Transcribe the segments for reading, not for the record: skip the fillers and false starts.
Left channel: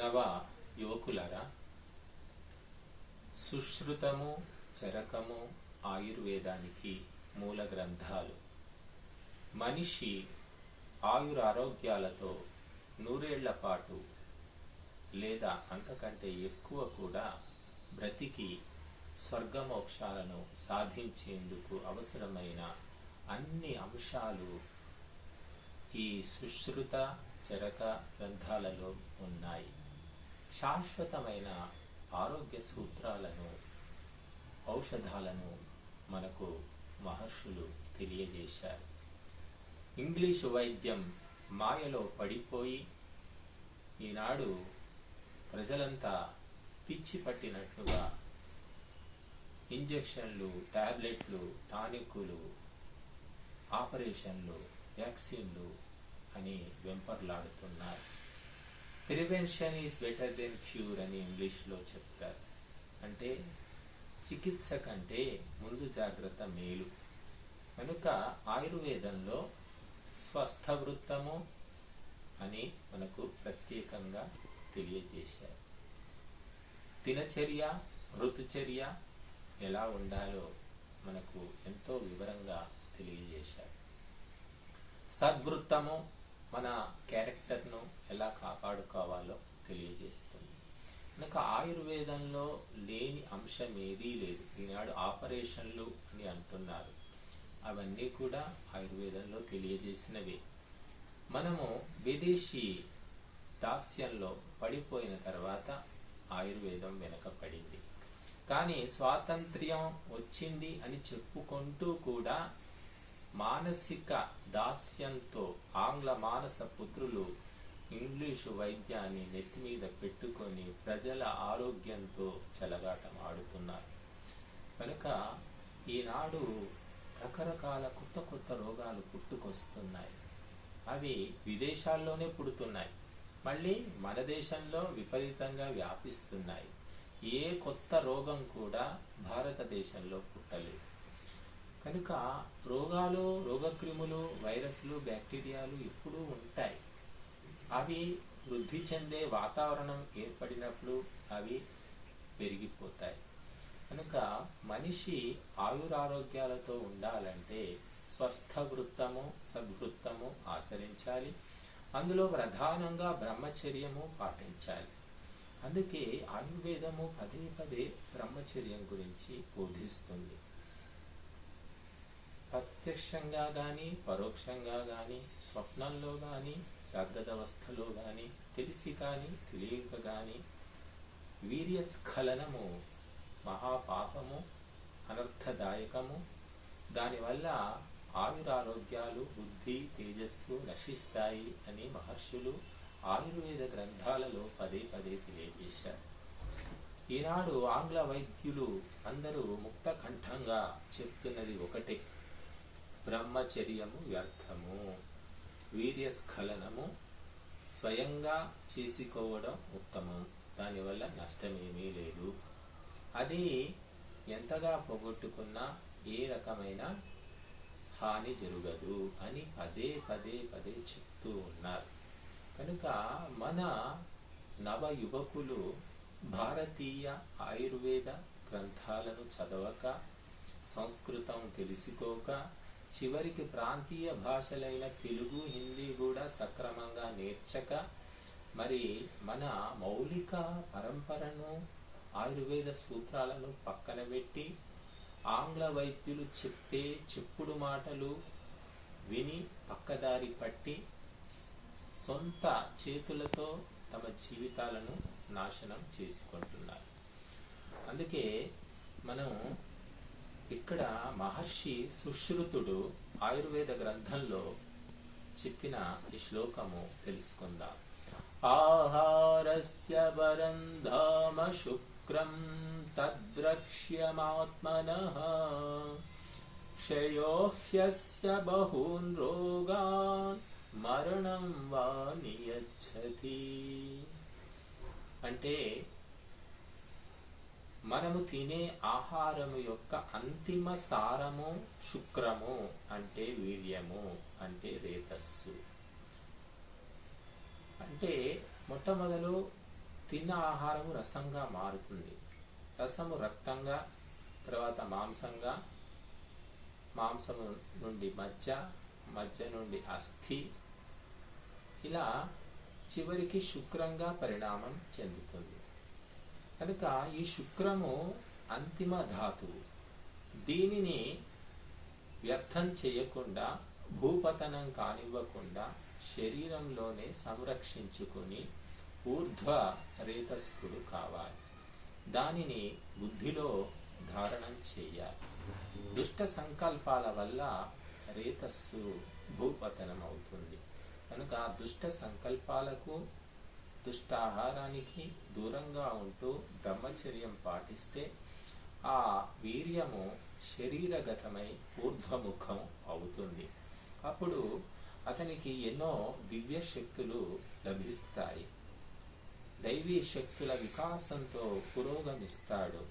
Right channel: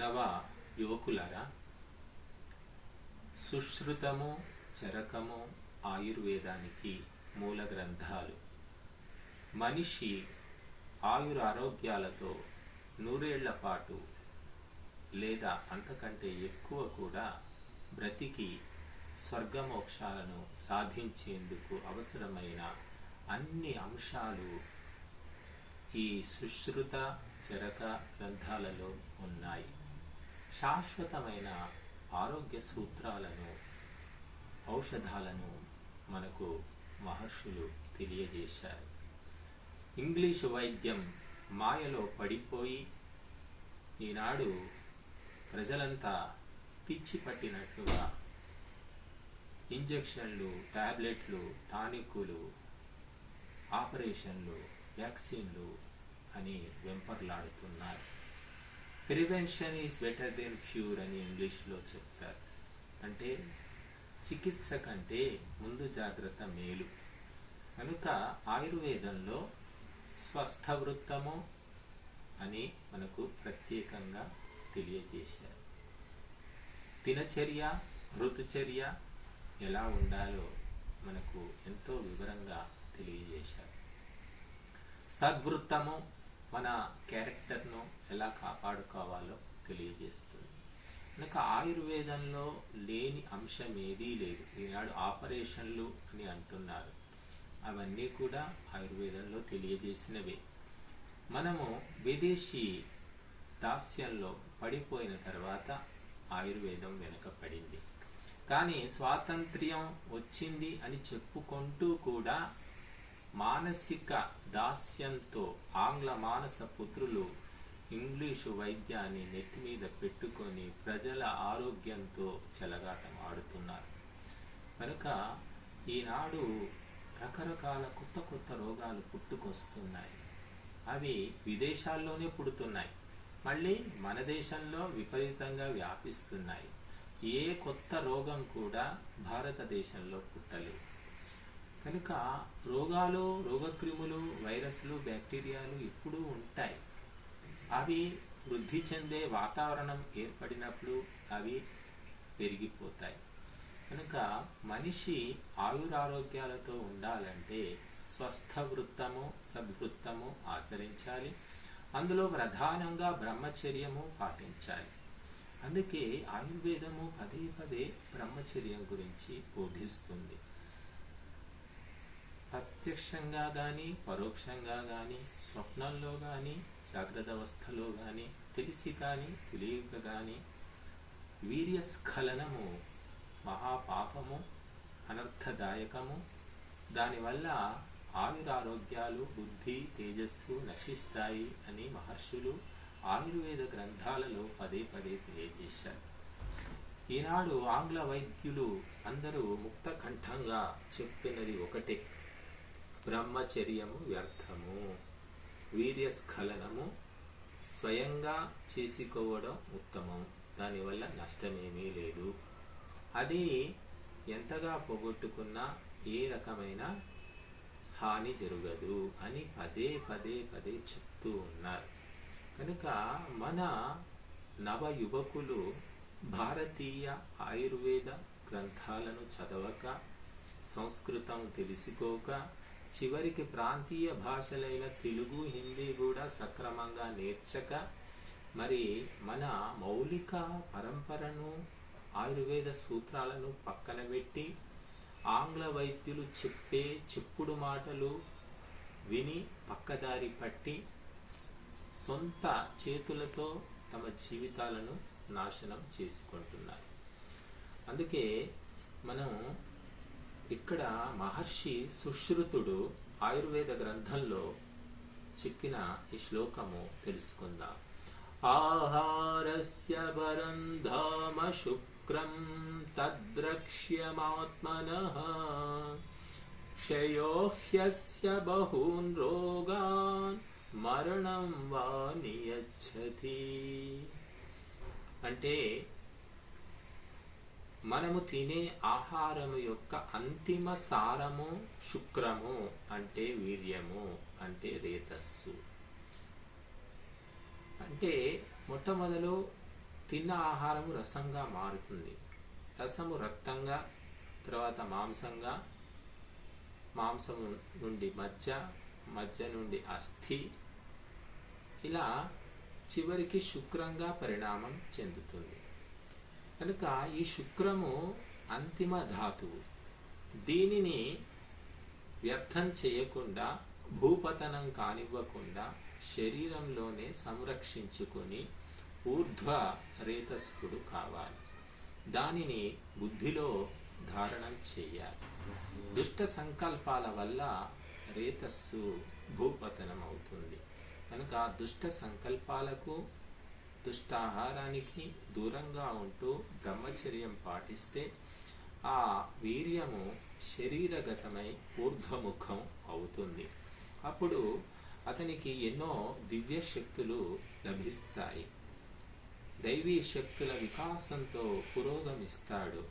నవ యువకులారా, సుశ్రుతము చరకము ఆయుర్వేదానికి మూల గ్రంథాలు. మనిషి ఆయురారోగ్యాలతో నూరేళ్ల పాటు లేదా అంతకంటే ఎక్కువ కూడా బ్రతికి స్వర్గమోక్షాలను సాధించేందుకు అవసరమైన అన్ని అంశాలు ఈ సుశ్రుత చరక గ్రంథాలలో ఉన్నాయి. శాశ్వతమైన ఆరోగ్య సూత్రాలను, ఔషధాలను మనకు మహర్షులు తెలియజేశారు. ఇంగ్లీషు వైద్యం మాయలో పడిపోయి ఈనాడు ప్రజలంతా పిచ్చి పట్టినట్లుగా ఇంజెక్షన్లు, టాబ్లెట్లు, టానిక్కులు, ఆపరేషన్లు, వ్యాక్సిన్లు అని వెంపర్లాడుతున్నారు. Prevention is better then cure అని ఇంగ్లీష్లో చెప్తారు. అంటే చికిత్స కంటే ముందు జాగ్రత్త మేలు. కనుక ఆయుర్వేదంలో స్వస్థ వృత్తము అని మనకు ప్రత్యేకంగా తెలియజేశారు. దినచర్య, ఋతుచర్య ఎలా ఉండాలో మనకు ఎంతో వివరంగా తెలియజేశారు. సద్వృత్తము మన క్యారెక్టర్ను ఎలా కాపాడుకోవాలో తెలియజేస్తుంది. కనుక ఆయుర్వేదంలో లేని అంశం ఏదీ లేదు. ఈనాడు ఆపరేషన్లు అని అంటున్నారు, అవన్నీ కూడా ఆయుర్వేదంలో తెలియజేసినవే. మనము విదేశీ దాస్యంలో పడిపోయిన తర్వాత ఆయుర్వేదం వెనకపడింది. కానీ స్వాతంత్ర్యం వచ్చింది అని చెప్పుకుంటూ కూడా మానసిక దాస్యంతో ఆంగ్ల మానస పుత్రులు ఇంగ్లీషు వైద్యాన్ని నెత్తి మీద పెట్టుకొని ప్రజల ఆరోగ్యంతో చెలగాటం ఆడుతున్నారు. కనుక ఈనాడు రకరకాల కొత్త కొత్త రోగాలు పుట్టుకొస్తున్నాయి. అవి విదేశాల్లోనే పుడుతున్నాయి, మళ్ళీ మన దేశంలో విపరీతంగా వ్యాపిస్తున్నాయి. ఏ కొత్త రోగం కూడా భారతదేశంలో పుట్టలేదు. కనుక రోగాలు, రోగక్రిములు, వైరస్లు, బ్యాక్టీరియాలు ఎప్పుడూ ఉంటాయి. అవి వృద్ధి చెందే వాతావరణం ఏర్పడినప్పుడు అవి పెరిగిపోతాయి. కనుక మనిషి ఆయురారోగ్యాలతో ఉండాలంటే స్వస్థ వృత్తము, సద్వృత్తము ఆచరించాలి. అందులో ప్రధానంగా బ్రహ్మచర్యము పాటించాలి. అందుకే ఆయుర్వేదము పదే పదే బ్రహ్మచర్యం గురించి బోధిస్తుంది. ప్రత్యక్షంగా కానీ, పరోక్షంగా కానీ, స్వప్నంలో కానీ, జాగ్రత్త అవస్థలో కానీ, తెలిసి కానీ, తెలియక కానీ వీర్యస్ఖలనము మహాపాపము, అనర్థదాయకము. దానివల్ల ఆయురారోగ్యాలు, బుద్ధి, తేజస్సు నశిస్తాయి అని మహర్షులు ఆయుర్వేద గ్రంథాలలో పదే పదే తెలియజేశారు. ఈనాడు ఆంగ్ల వైద్యులు అందరూ ముక్త కంఠంగా చెప్తున్నది ఒకటే: బ్రహ్మచర్యము వ్యర్థము, వీర్యస్ఖలనము స్వయంగా చేసుకోవడం ఉత్తమం, దానివల్ల నష్టమేమీ లేదు, అది ఎంతగా పోగొట్టుకున్నా ఏ రకమైన హాని జరగదు అని పదే పదే పదే చెప్తూ ఉన్నారు. కనుక మన నవ యువకులు భారతీయ ఆయుర్వేద గ్రంథాలను చదవక, సంస్కృతం తెలుసుకోక, చివరికి ప్రాంతీయ భాషలైన తెలుగు, హిందీ కూడా సక్రమంగా నేర్చక, మరి మన మౌలిక పరంపరను, ఆయుర్వేద సూత్రాలను పక్కన పెట్టి ఆంగ్ల వైద్యులు చెప్పే చెప్పుడు మాటలు విని పక్కదారి పట్టి సొంత చేతులతో తమ జీవితాలను నాశనం చేసుకుంటున్నారు. అందుకే మనం ఇక్కడ మహర్షి సుశ్రుతుడు ఆయుర్వేద గ్రంథంలో చెప్పిన ఈ శ్లోకము తెలుసుకుందాం. ఆహారస్య పరం ధామ శుక్రం తద్రక్ష్యమాత్మనః క్షయో హ్యస్య బహూన్ రోగాన్ మరణం వా నియచ్చతి. అంటే మనము తినే ఆహారము యొక్క అంతిమ సారము శుక్రము, అంటే వీర్యము, అంటే రేతస్సు. అంటే మొట్టమొదలు తిన్న ఆహారం రసంగా మారుతుంది. రసము రక్తంగా, తర్వాత మాంసంగా, మాంసము నుండి మజ్జ, మజ్జ నుండి అస్థి, ఇలా చివరికి శుక్రంగా పరిణామం చెందుతుంది. కనుక ఈ శుక్రము అంతిమ ధాతువు. దీనిని వ్యర్థం చేయకుండా, భూపతనం కానివ్వకుండా శరీరంలోనే సంరక్షించుకుని ఊర్ధ్వ రేతస్కుడు కావాలి. దానిని బుద్ధిలో ధారణం చేయాలి. దుష్ట సంకల్పాల వల్ల రేతస్సు భూపతనం అవుతుంది. కనుక దుష్ట సంకల్పాలకు, దుష్టాహారానికి దూరంగా ఉంటూ బ్రహ్మచర్యం పాటిస్తే ఆ వీర్యము శరీరగతమై ఊర్ధ్వముఖం అవుతుంది. అప్పుడు అతనికి ఎన్నో దివ్య శక్తులు లభిస్తాయి. దైవీ శక్తుల వికాసంతో పురోగమిస్తాడు.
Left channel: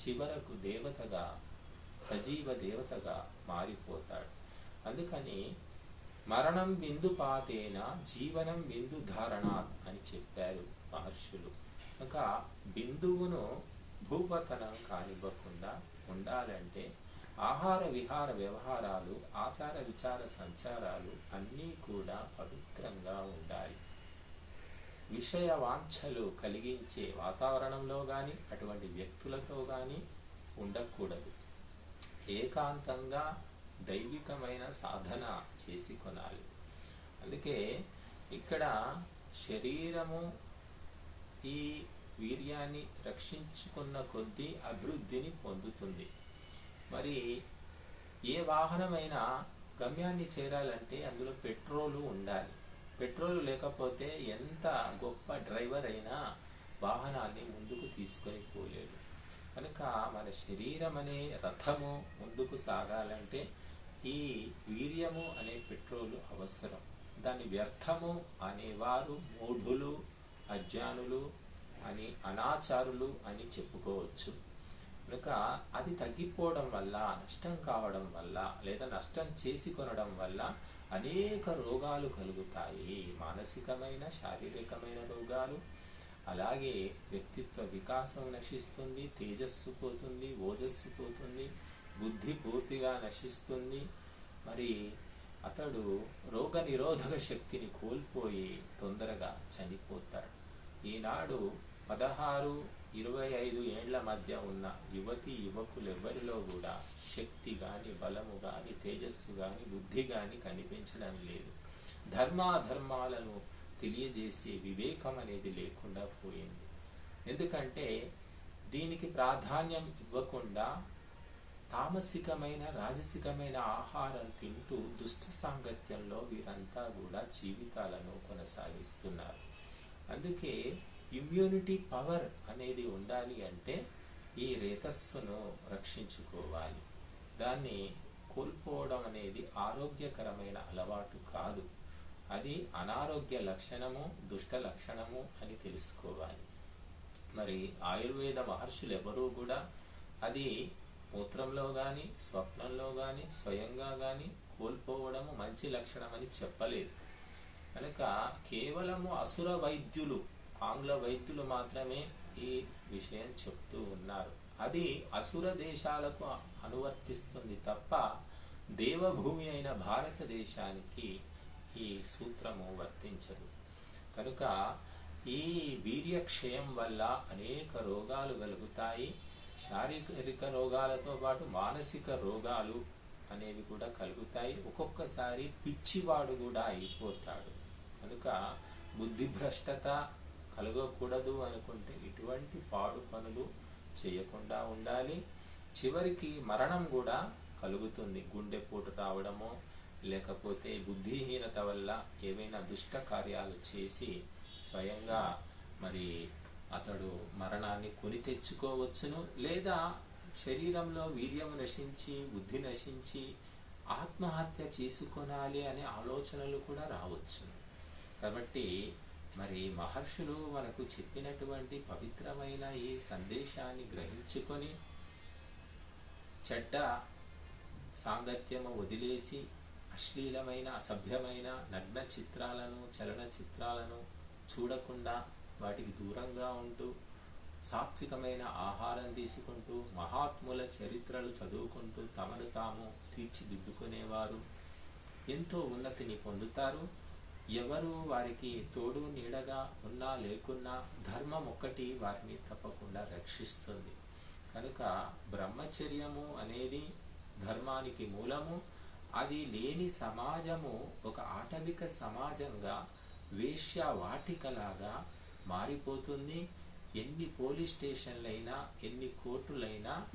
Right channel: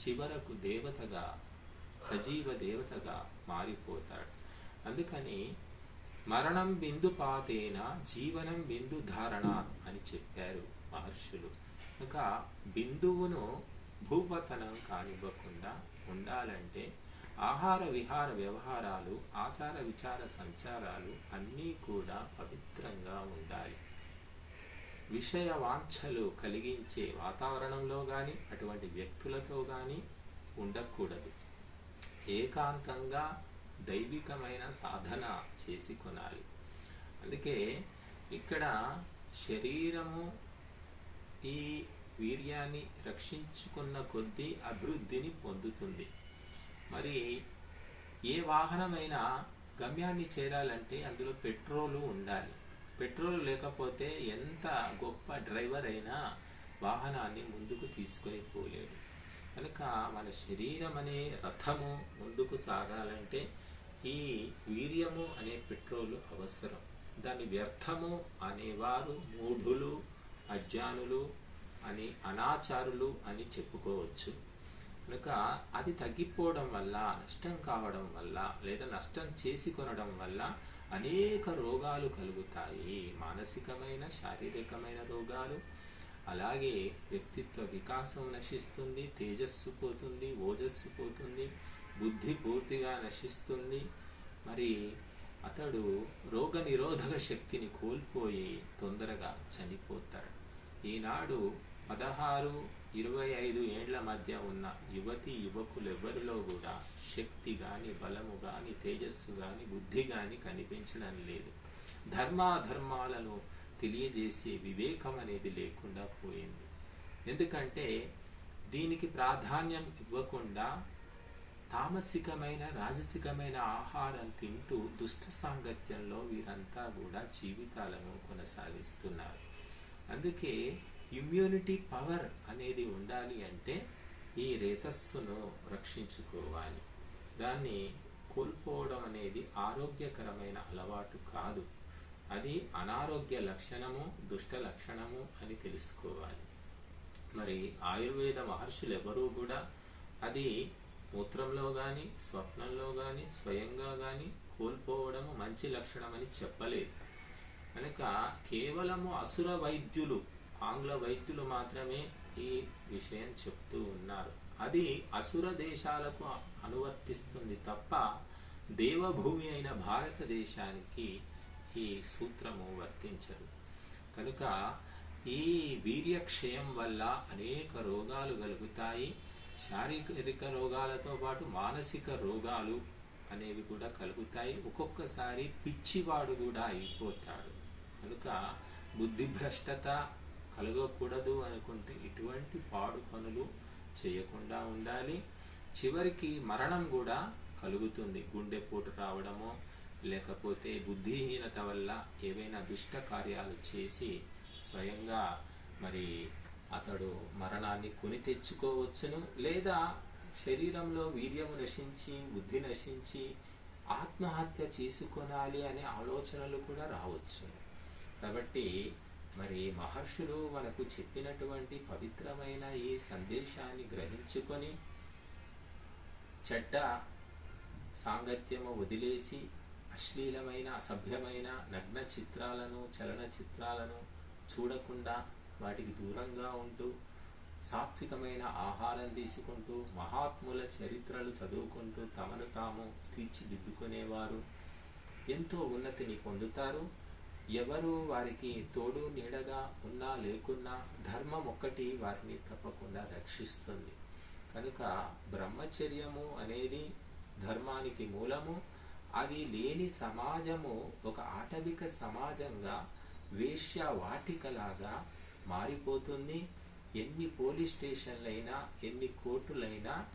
చివరకు దేవతగా, సజీవ దేవతగా మారిపోతాడు. అందుకని మరణం బిందుపాతేన జీవనం బిందు ధారణాత్ అని చెప్పారు మహర్షులు. ఇంకా బిందువును భూపతనం కానివ్వకుండా ఉండాలంటే ఆహార విహార వ్యవహారాలు, ఆచార విచార సంచారాలు అన్నీ కూడా పవిత్రంగా ఉండాలి. విషయ వాంఛలు కలిగించే వాతావరణంలో కానీ, అటువంటి వ్యక్తులతో కానీ ఉండకూడదు. ఏకాంతంగా దైవికమైన సాధన చేసి కొనాలి. అందుకే ఇక్కడ శరీరము ఈ వీర్యాన్ని రక్షించుకున్న కొద్దీ అభివృద్ధిని పొందుతుంది. మరి ఏ వాహనమైనా గమ్యాన్ని చేరాలంటే అందులో పెట్రోలు ఉండాలి. పెట్రోల్ లేకపోతే ఎంత గొప్ప డ్రైవర్ అయినా వాహనాన్ని ముందుకు తీసుకొని పోలేడు. కనుక మన శరీరం అనే రథము ముందుకు సాగాలంటే ఈ వీర్యము అనే పెట్రోలు అవసరం. దాని వ్యర్థము అనేవారు మూఢులు, అజ్ఞానులు అని, అనాచారులు అని చెప్పుకోవచ్చు. కనుక అది తగ్గిపోవడం వల్ల, నష్టం కావడం వల్ల, లేదా నష్టం చేసి కొనడం వల్ల అనేక రోగాలు కలుగుతాయి. మానసికమైన, శారీరకమైన రోగాలు. అలాగే వ్యక్తిత్వ వికాసం నశిస్తుంది, తేజస్సు పోతుంది, ఓజస్సు పోతుంది, బుద్ధి పూర్తిగా నశిస్తుంది. మరి అతడు రోగ నిరోధక శక్తిని కోల్పోయి తొందరగా చనిపోతాడు. ఈనాడు 16-25 ఏండ్ల మధ్య ఉన్న యువతి యువకులెవ్వరిలో కూడా శక్తి గాని, బలము గాని, తేజస్సు గాని, బుద్ధి గాని కనిపించడం లేదు. ధర్మాధర్మాలను తెలియజేసే వివేకం అనేది లేకుండా పోయింది. ఎందుకంటే దీనికి ప్రాధాన్యం ఇవ్వకుండా తామసికమైన, రాజసికమైన ఆహారం తింటూ దుష్ట సాంగత్యంలో వీరంతా కూడా జీవితాలను కొనసాగిస్తున్నారు. అందుకే ఇమ్యూనిటీ పవర్ అనేది ఉండాలి అంటే ఈ రేతస్సును రక్షించుకోవాలి. దాన్ని కోల్పోవడం అనేది ఆరోగ్యకరమైన అలవాటు కాదు. అది అనారోగ్య లక్షణము, దుష్ట లక్షణము అని తెలుసుకోవాలి. మరి ఆయుర్వేద మహర్షులు ఎవరూ కూడా అది మూత్రంలో కానీ, స్వప్నంలో కానీ, స్వయంగా కానీ కోల్పోవడము మంచి లక్షణం అని చెప్పలేదు. కనుక కేవలము అసుర వైద్యులు, ఆంగ్ల వైద్యులు మాత్రమే ఈ విషయం చెప్తూ ఉన్నారు. అది అసుర దేశాలకు అనువర్తిస్తుంది తప్ప దేవభూమి అయిన భారతదేశానికి ఈ సూత్రము వర్తించదు. కనుక ఈ వీర్యక్షయం వల్ల అనేక రోగాలు కలుగుతాయి. శారీరక రోగాలతో పాటు మానసిక రోగాలు అనేవి కూడా కలుగుతాయి. ఒక్కొక్కసారి పిచ్చివాడు కూడా అయిపోతాడు. కనుక బుద్ధిభ్రష్టత కలగకూడదు అనుకుంటే ఇటువంటి పాడు పనులు చేయకుండా ఉండాలి. చివరికి మరణం కూడా కలుగుతుంది. గుండెపోటు రావడమో, లేకపోతే బుద్ధిహీనత వల్ల ఏవైనా దుష్ట కార్యాలు చేసి స్వయంగా మరి అతడు మరణాన్ని కొని తెచ్చుకోవచ్చును. లేదా శరీరంలో వీర్యం నశించి, బుద్ధి నశించి ఆత్మహత్య చేసుకొనాలి అనే ఆలోచనలు కూడా రావచ్చు. కాబట్టి మరి మహర్షులు మనకు చెప్పినటువంటి పవిత్రమైన ఈ సందేశాన్ని గ్రహించుకొని చెడ్డ సాంగత్యము వదిలేసి అశ్లీలమైన, అసభ్యమైన నగ్న చిత్రాలను, చలన చిత్రాలను చూడకుండా వాటికి దూరంగా ఉంటూ సాత్వికమైన ఆహారం తీసుకుంటూ మహాత్ముల చరిత్రలు చదువుకుంటూ తమను తాము తీర్చిదిద్దుకునేవారు ఎంతో ఉన్నతిని పొందుతారు. ఎవరు వారికి తోడు నీడగా ఉన్నా లేకున్నా ధర్మం ఒక్కటి వారిని తప్పకుండా రక్షిస్తుంది. కనుక బ్రహ్మచర్యము అనేది ధర్మానికి మూలము. అది లేని సమాజము ఒక ఆటవిక సమాజంగా వేశ్య వాటికలాగా మారిపోతుంది. ఎన్ని పోలీస్ స్టేషన్లైనా ఎన్ని కోర్టులైనా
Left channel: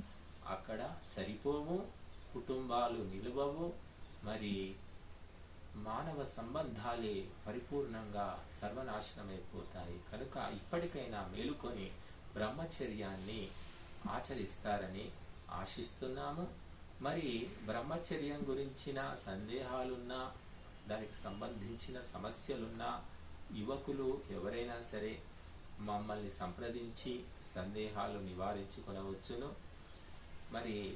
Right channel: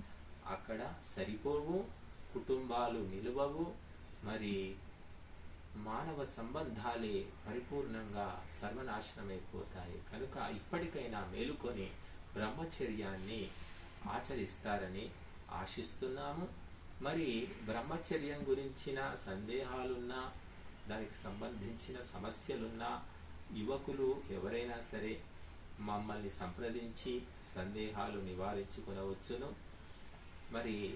అక్కడ సరిపోవు, కుటుంబాలు నిలువవు, మరి మానవ సంబంధాలే పరిపూర్ణంగా సర్వనాశనమైపోతాయి. కనుక ఇప్పటికైనా మేలుకొని బ్రహ్మచర్యాన్ని ఆచరిస్తారని ఆశిస్తున్నాము. మరి బ్రహ్మచర్యం గురించిన సందేహాలున్నా, దానికి సంబంధించిన సమస్యలున్నా యువకులు ఎవరైనా సరే మమ్మల్ని సంప్రదించి సందేహాలు నివారించుకునవచ్చును. మరి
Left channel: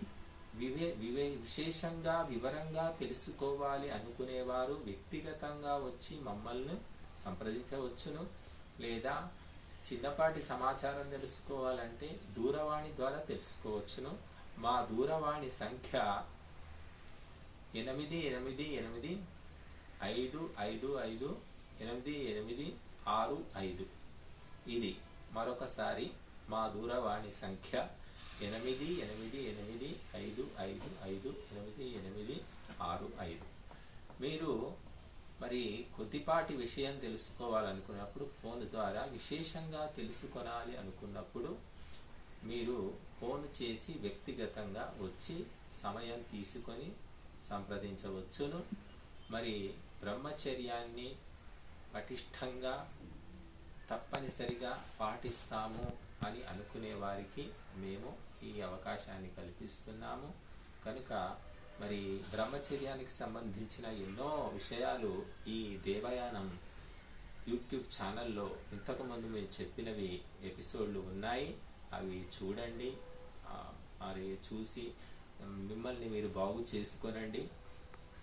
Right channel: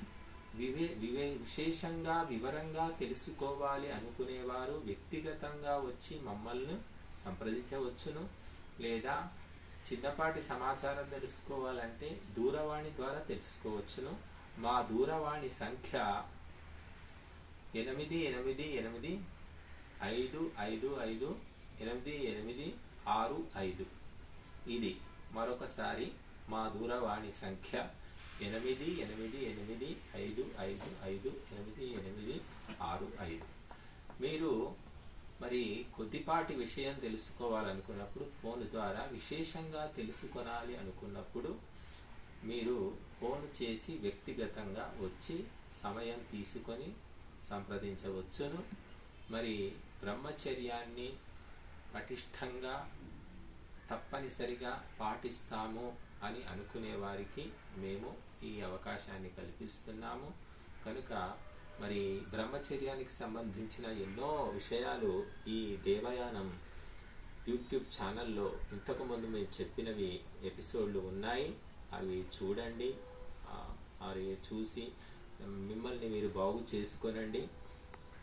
విశేషంగా వివరంగా తెలుసుకోవాలి అనుకునేవారు వ్యక్తిగతంగా వచ్చి మమ్మల్ని సంప్రదించవచ్చును. లేదా చిన్నపాటి సమాచారం తెలుసుకోవాలంటే దూరవాణి ద్వారా తెలుసుకోవచ్చును. మా దూరవాణి సంఖ్య 8855558865. ఇది మరొకసారి మా దూరవాణి సంఖ్య 8855558865. మీరు మరి కొద్దిపాటి విషయం తెలుసుకోవాలనుకున్నప్పుడు ఫోన్ ద్వారా విశేషంగా తెలుసుకొనాలి అనుకున్నప్పుడు మీరు ఫోన్ చేసి వ్యక్తిగతంగా వచ్చి సమయం తీసుకొని సంప్రదించవచ్చును. మరి బ్రహ్మచర్యాన్ని పటిష్టంగా తప్పనిసరిగా పాటిస్తాము అని అనుకునే వారికి మేము ఈ అవకాశాన్ని కల్పిస్తున్నాము. కనుక మరి బ్రహ్మచర్యానికి సంబంధించిన ఎన్నో విషయాలు ఈ దేవయానం యూట్యూబ్ ఛానల్లో ఇంతకుముందు మేము చెప్పినవి ఎపిసోడ్లు ఉన్నాయి. అవి చూడండి. మరి చూసి మిమ్మల్ని మీరు బాగు చేసుకొనండి.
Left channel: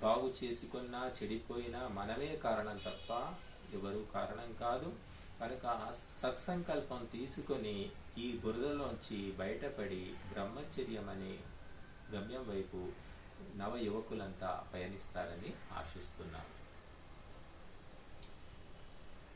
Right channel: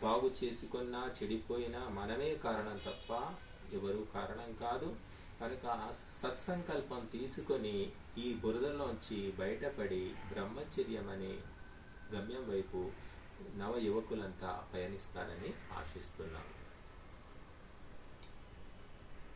బాగు చేసుకున్నా చెడిపోయినా మనమే కారణం తప్ప ఎవరు కారణం కాదు. కనుక సత్సంకల్పం తీసుకొని ఈ బురదలోంచి బయటపడి బ్రహ్మచర్యం అనే గమ్యం వైపు నవ యువకులంతా పయనిస్తారని ఆశిస్తున్నాను.